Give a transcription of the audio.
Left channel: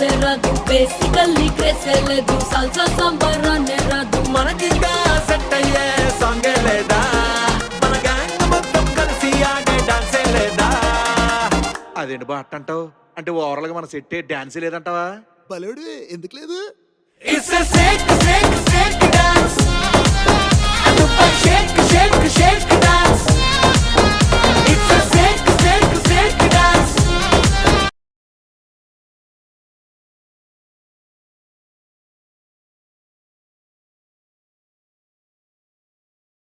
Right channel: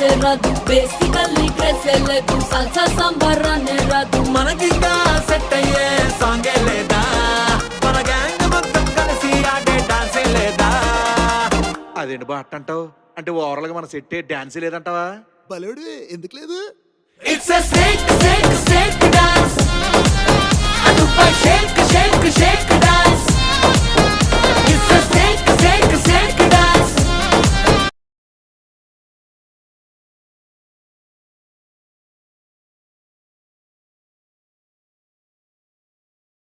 డాన్సే రాదు, బేసికల్లీ క్రేసే లేదు, సాల్సా సాంబార్ అనే రాదు. మనకింకా సెట్ అయ్యే సాంగే లేదా, మన గ్యాంగ్ మొత్తం కలిసి ఆడే డాన్సే లేదా. అదేంటి బా అంటావు? అంటే ఓవరాల్ గా మన సెట్ డాన్స్ లేదంటావా? బలేడు ఎందుకు లేదు? It's a shake, shake, shake dance. And the shake, shake, shake